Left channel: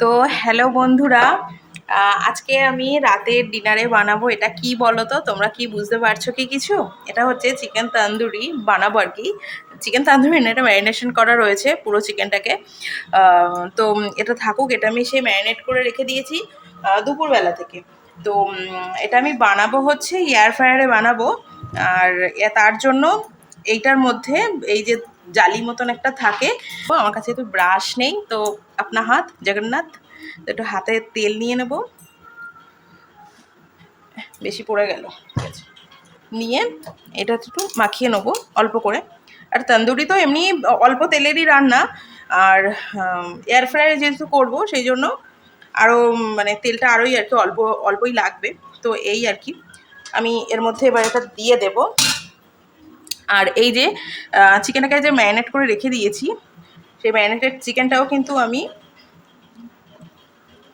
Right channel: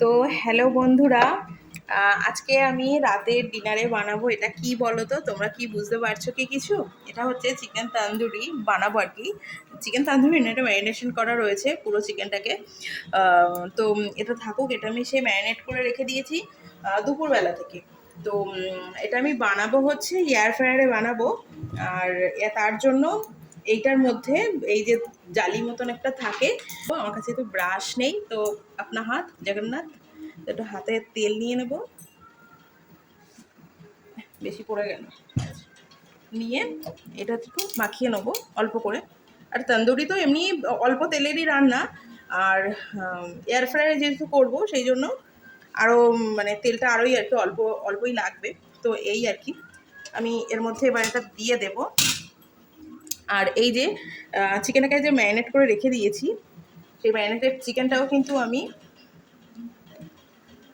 তো হ্যালো বন্ধুরা, আজকে আমি রাতের ডিনারে বানাবো। এটা কি বলো তো, তোমরা কি বুঝতে পারছো কি কিছু? এটা হচ্ছে চিকেন তান্দুরি বানাবো আর কি। চিকেন তান্দুরি না, এটা ম্যারিনেশন করা রয়েছে পুরো চিকেনটাকে। তো এটা থাকুক, এটা আমি সেই ম্যারিনেট করে রেখে দিয়েছি দুপুরবেলা থেকে। তো এটা আমি বানাবো হচ্ছে এয়ার ফ্রায়ারে বানাবো। আর তার জন্য এইটার মধ্যে এই যে জালি মতন একটা থাকে, তো আমার কাছে তো ব্রাশ নেই, তো আপনার হাত জগন্নাথ, তো একটু হাতে তেল নিয়ে নেব। বেশি পড়ে গেল, ঠিক আছে। নিয়ে এটা একটু মাখিয়ে নেবো অল্প করে। আর তন্দুরি তো এমনি অল্প তেলেরই রান্না, আর এয়ার ফ্রায়ারে যেহেতু করবো সেই জন্য আরও মানে তেলটা আরোই আর কি অল্প অল্পই লাগবে। তো এই আর কি, আমি এর মধ্যে এবার এটা দিয়ে দেব। আর এই যে চিকেনটাকে যে ম্যারিনেট করে রেখে দিয়েছি, সেই ম্যারিনেটেড চিকেনটাও কিন্তু আমি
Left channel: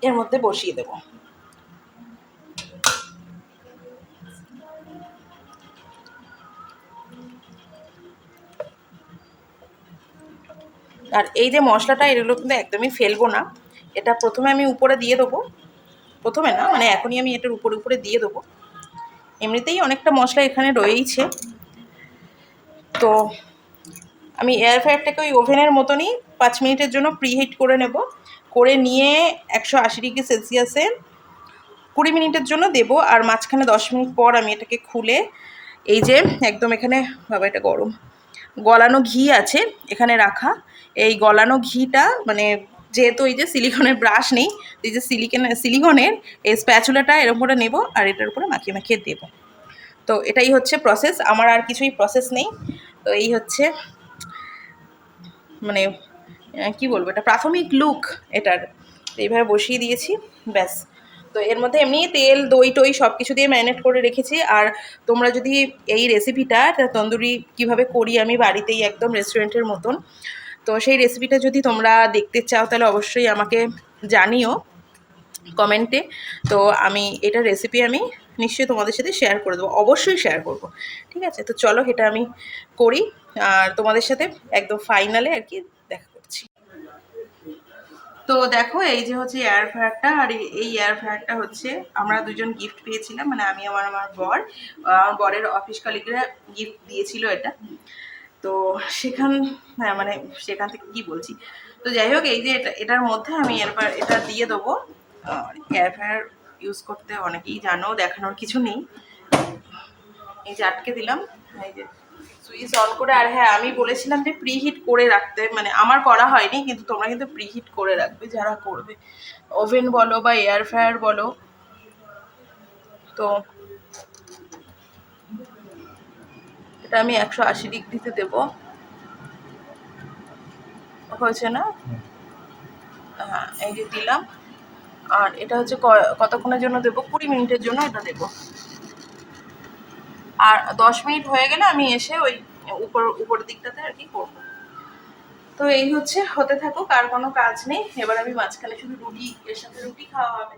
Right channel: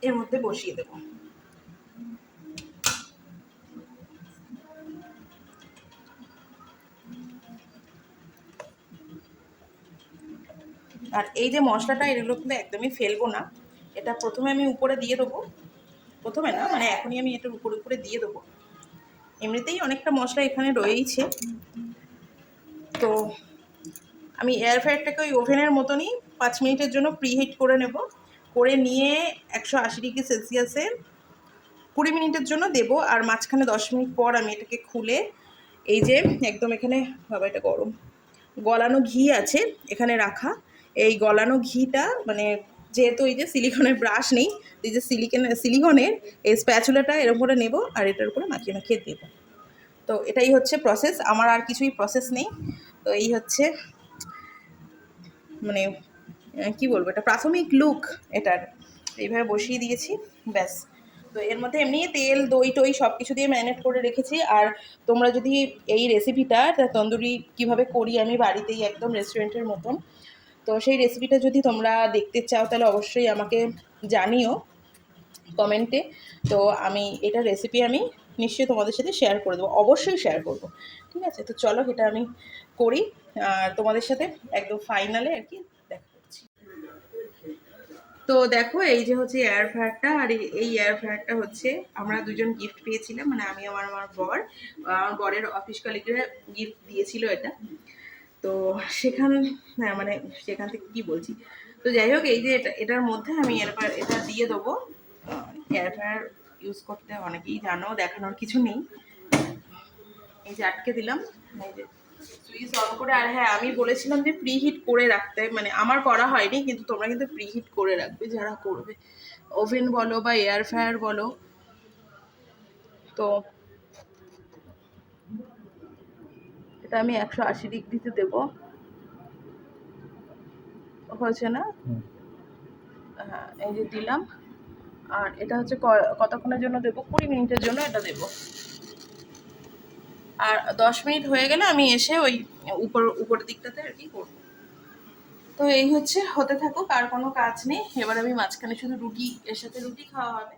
এর মধ্যে বসিয়ে দেবো। আর এই যে মশলাটা, এগুলো কিন্তু একদমই ফেলবো না। এটা প্রথমে আমি উপরে দিয়ে দেবো, প্রথমে না মানে এখনই আমি এটার উপরে উপরে দিয়ে দেবো। এমনিতেই অনেকটা মশলা এখানে রয়েইছে। তো আমি এয়ার ফ্রায়ারটাকে ওই ওভেনের মতনই 5 মিনিটের জন্য প্রিহিট করে নেব। করে নিয়ে 180°C 20 মিনিটের জন্য দেবো। আর মাঝখানে 10 মিনিট পর আমি এটাকে খুলে, এই যে একদম এখানে, বাবা এটা গরম, গলানো ঘি আছে এখানে রাখা। এই গলানো ঘিটা মানে, যেহেতু এই যে সিলিকনের ব্রাশ নেই, এই যে সিলিকনের এই স্প্যাচুলাটা এরকম করে নেব আর এটার উপরে মাখিয়ে মাখিয়ে দেবো। তো এটাই হচ্ছে প্রসেস, আমার আর কিছুই প্রসেস নেই। তো এই হচ্ছে মানে কি বলবো, এটা প্রাথমিক লুক এটার। এইভাবে বসিয়ে দিয়েছি, ব্যাস। তো এর মধ্যে এমনি তেল দই টই সব কিছু দিয়ে ম্যারিনেট করে রেখেছি। আর তোমরা যদি এই রেসিপিটা, তন্দুরি কিভাবে করি আমি বাড়িতেই একদম রেস্টুরেন্টের মতন, তো সেই রেসিপিটা যদি তোমরা দেখতে চাও তাহলে অবশ্যই আমাকে জানিও কমেন্টে। তো আমি এটা রেসিপি আমি নিশ্চয়ই তোমাদের সাথে শেয়ার করে দেবো, অবশ্যই শেয়ার করব। ঠিক আছে, তো চলো এটা আমি করি আর তোমাদের সাথে একদম ফাইনালে আর কি দেখা করছি। তো দেখো এই যে হচ্ছে এয়ার ফ্রায়ারটা, আর এই এয়ার ফ্রায়ারটা হচ্ছে আমরা দুজন গিফট পেয়েছিলাম, মানে আমি আমার আমার বর, আমার বরের অফিস কলিগরা গিফট দিয়েছিল এটা। তো সেখান, হ্যাঁ মানে সেখান থেকে কি বলছি, তো যাই হোক এই যে এটার মধ্যে আমি এরপর এটা দিয়ে দেবো। এয়ার ফ্রায়ার ইউজ করতে অনেকেই জানো, দেখানোর কিছু নেই। এই যে আটকে দিলাম, এই যে সুইচ অন করে। আর হ্যাঁ, আমি বলেছিলাম যে প্রিহিট করে রাখতে, মানে আমার করা হয়নি, কিন্তু তোমরা কিন্তু প্রিহিট করে রাখবে যারা করবে, ওভেন বলো বা এয়ার ফ্রায়ার বলো। তো এটা আমি 180°তে দেবো, হয়েছে না? হ্যাঁ এই যে দিলাম। আর এটা হচ্ছে কতক্ষণের জন্য দেবো, 20 মিনিটের জন্য এটা দেবো। আর 10 মিনিট হয়ে গেলে আমি এসে ওই উপরের দিকটাতে আর কি করবো। তো এই হচ্ছে, হতে থাকুক, আর কোনো কাজ নেই। এবার আমি মাঝখানে শুধু রুটি, এর সাথে রুটি খাওয়া হবে।